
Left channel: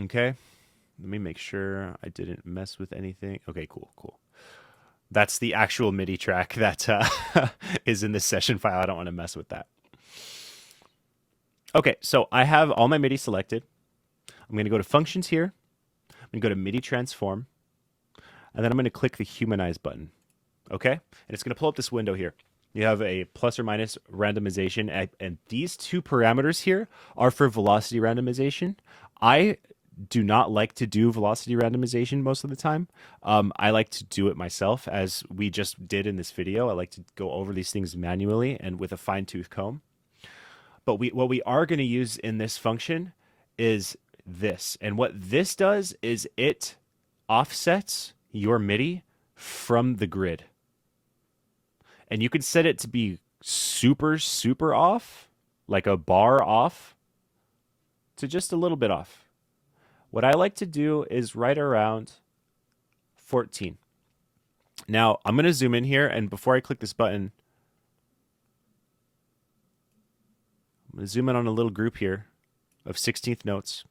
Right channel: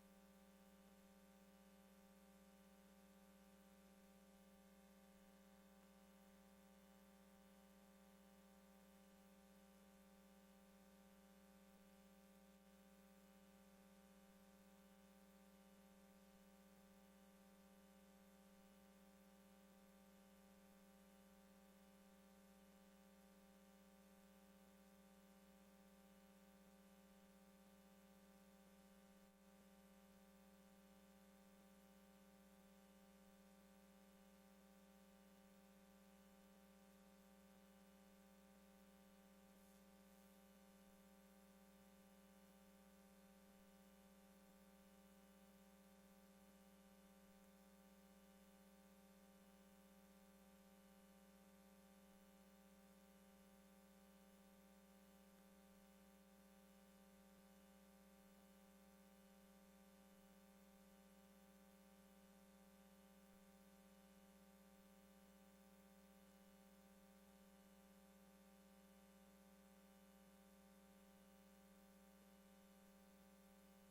Okay. Let me make sure I didn't mess with anything. Okay, cool. That's the actual MIDI track that is in this session file. I don't want to mess with that. Okay, so I have all my MIDI selected. I'm going to go to Functions here. I'm going to go to MIDI Transform. And then I'm going to click the Humanize button. Okay? And it's going to pull up this window here. You have a plus or minus randomization, and these two parameters here are for velocity randomization. I do not like to do velocity randomization most of the time. I like to do it myself, as we just did in this video. I like to go over these things manually and with a fine-tooth comb. But what we are going to use in this function is this. And what this does is it offsets your MIDI from the grid. And you can set it to be super, super off, like a bar off, to just a little bit off. What I like to do is right around 14. Now, I'm going to zoom in here, and before I click this button, I'm going to zoom in on a little group here of 16th notes.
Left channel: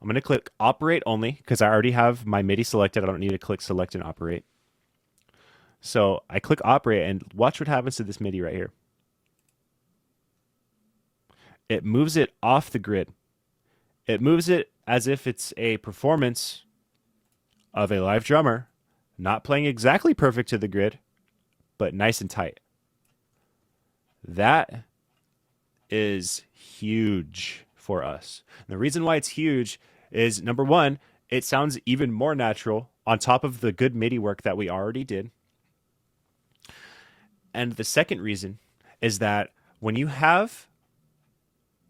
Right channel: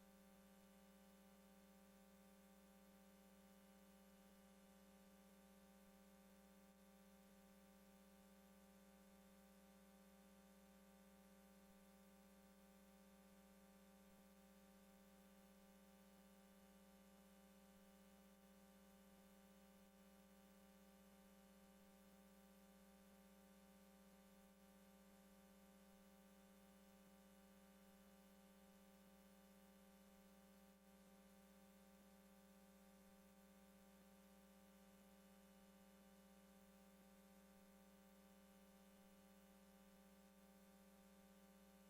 I'm going to click Operate Only, because I already have my MIDI selected. I don't need to click Select and Operate. So I click Operate, and watch what happens to this MIDI right here. It moves it off the grid. It moves it as if it's a performance of a live drummer, not playing exactly perfect to the grid, but nice and tight. That is huge for us. And the reason why it's huge is, number one, it sounds even more natural on top of the good MIDI work that we already did. And the second reason is that when you have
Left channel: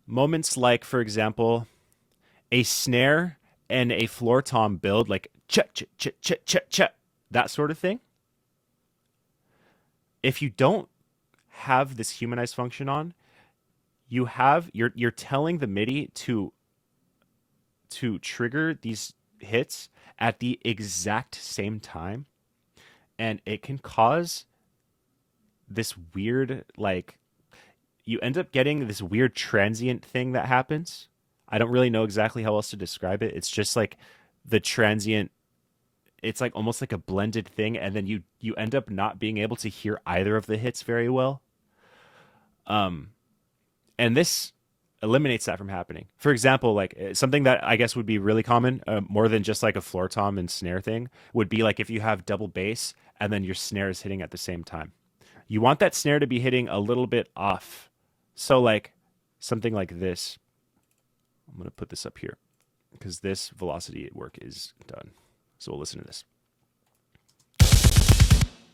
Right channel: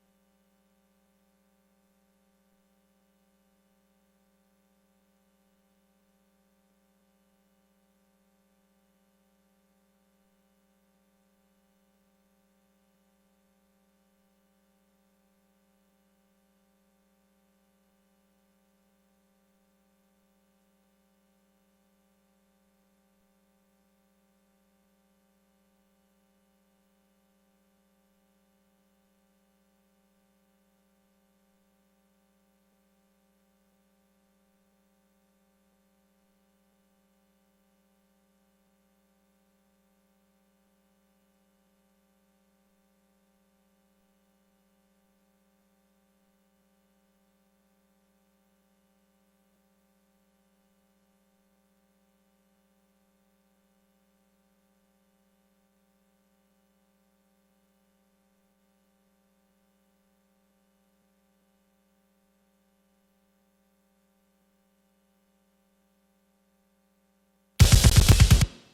moments like, for example, a snare and a floor tom build, like cha-cha-cha-cha-cha-cha, that sort of thing, if you don't have this Humanize function on, you're telling the MIDI to trigger these hits at the exact same time, and it can cause this weird, like, you end up getting this weird transient thing that happens. I don't really know exactly how else to describe it. It's just like the transient, it's like almost like a blended thing, and then you end up not being able to hear either of the hits very well. And this eliminates that from happening. For example, like something that I guess would be really common, more than just like a floor tom and snare thing, would be like if you have double bass and then your snare is hitting at the same time. You want that snare to be hitting a little bit off. So like something like this. I'm going to put this up here because this velocity work is done. So we'll listen to this.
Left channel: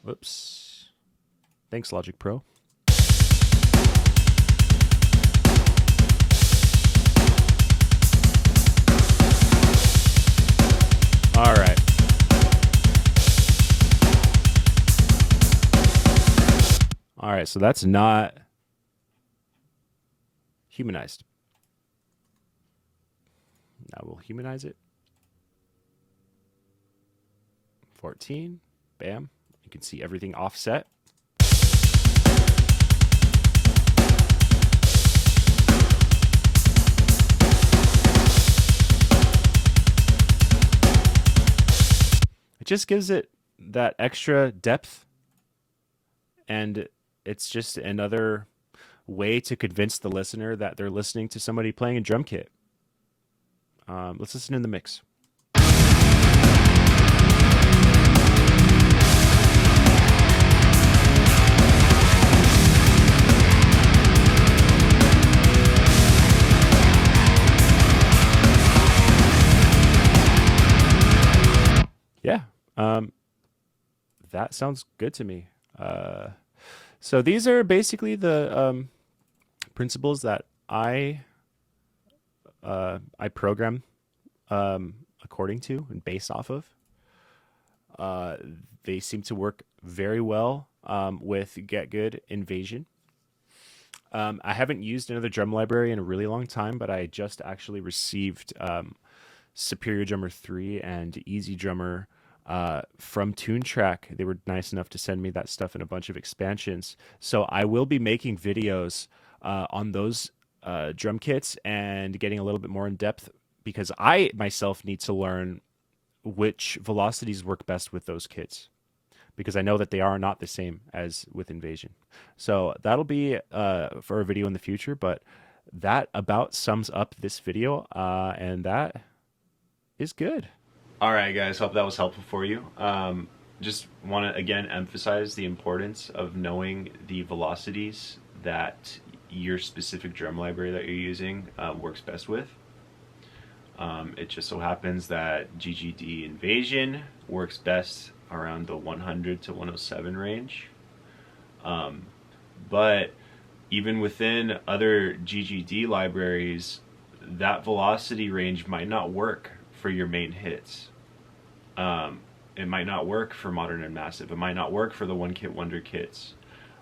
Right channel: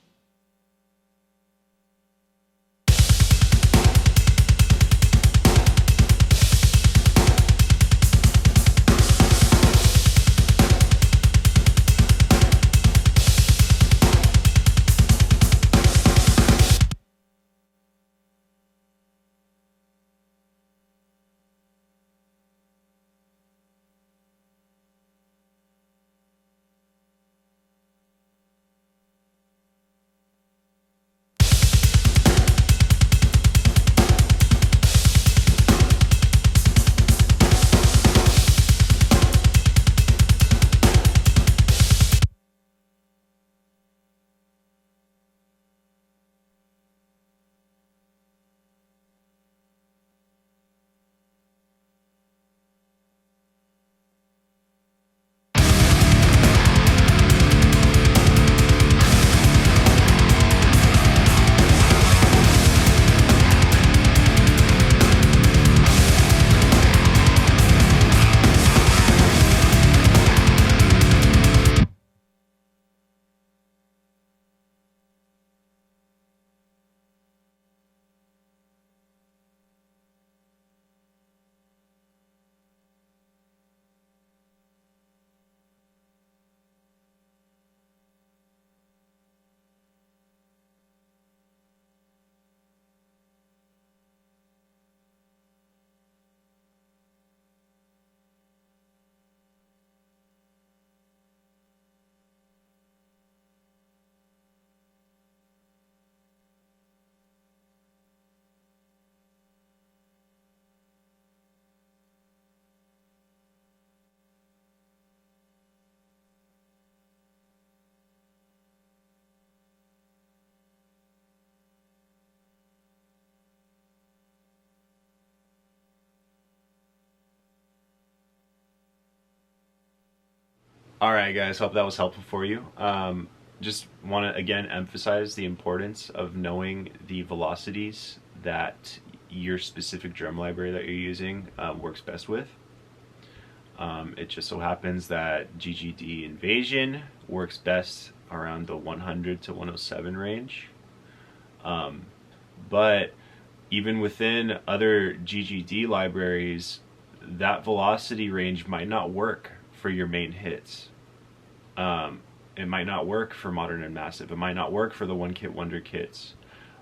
Whoops. Thanks, Logic Pro. All right. right, so that's not humanized. Now we'll humanize it. 14. Bam. You can see everything offset. It just gives it that extra depth, and it's just another way to convince the listener that they're listening to somebody playing a drum kit. Let's listen in the mix. Yeah, that sounds good to me. So these are basically the principles that I program according to and base off of. Uh, they seem to work very well with Get Good Invasion. I haven't used another drum library in a really long time, but I just actually received Superior Drummer 3 and Easy Drummer from TuneTrack. They were nice enough to send me that stuff in a bunch of expansions. So I will be making videos on those drum kits and getting a little bit more in depth, because I myself need to learn which velocities work best with those kits, because I know that they are not the same as with Invasion. So that'll be for a video in the future, but that about sums up this video, and that is good. All right, guys. Hope that was helpful for you. Just want to again emphasize the importance of knowing the velocities that your specific drum library that you're using works best with. It just so happens that GGD Invasion works best around the 100 to 107 range. But even within other GGD libraries, that velocity range might not work for your main hits. It might not work for Modern and Massive. It might not work for the One Kit Wonder kits.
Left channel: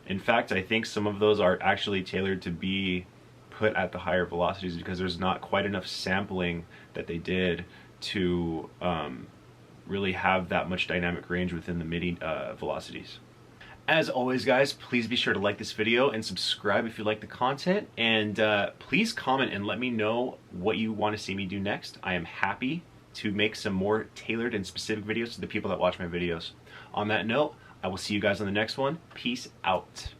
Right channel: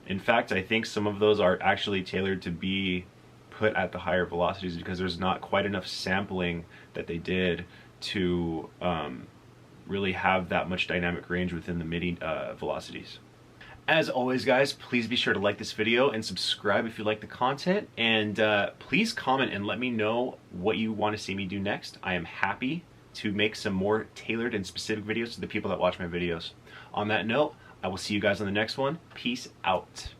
In fact, I think some of those are actually tailored to be put at the higher velocities because there's not quite enough sampling that they did to really have that much dynamic range within the MIDI velocities. As always, guys, please be sure to like this video and subscribe if you like the content, and please comment and let me know what you want to see me do next. I am happy to make some more tailored and specific videos to the people that watch my videos. On that note, I will see you guys on the next one. Peace out.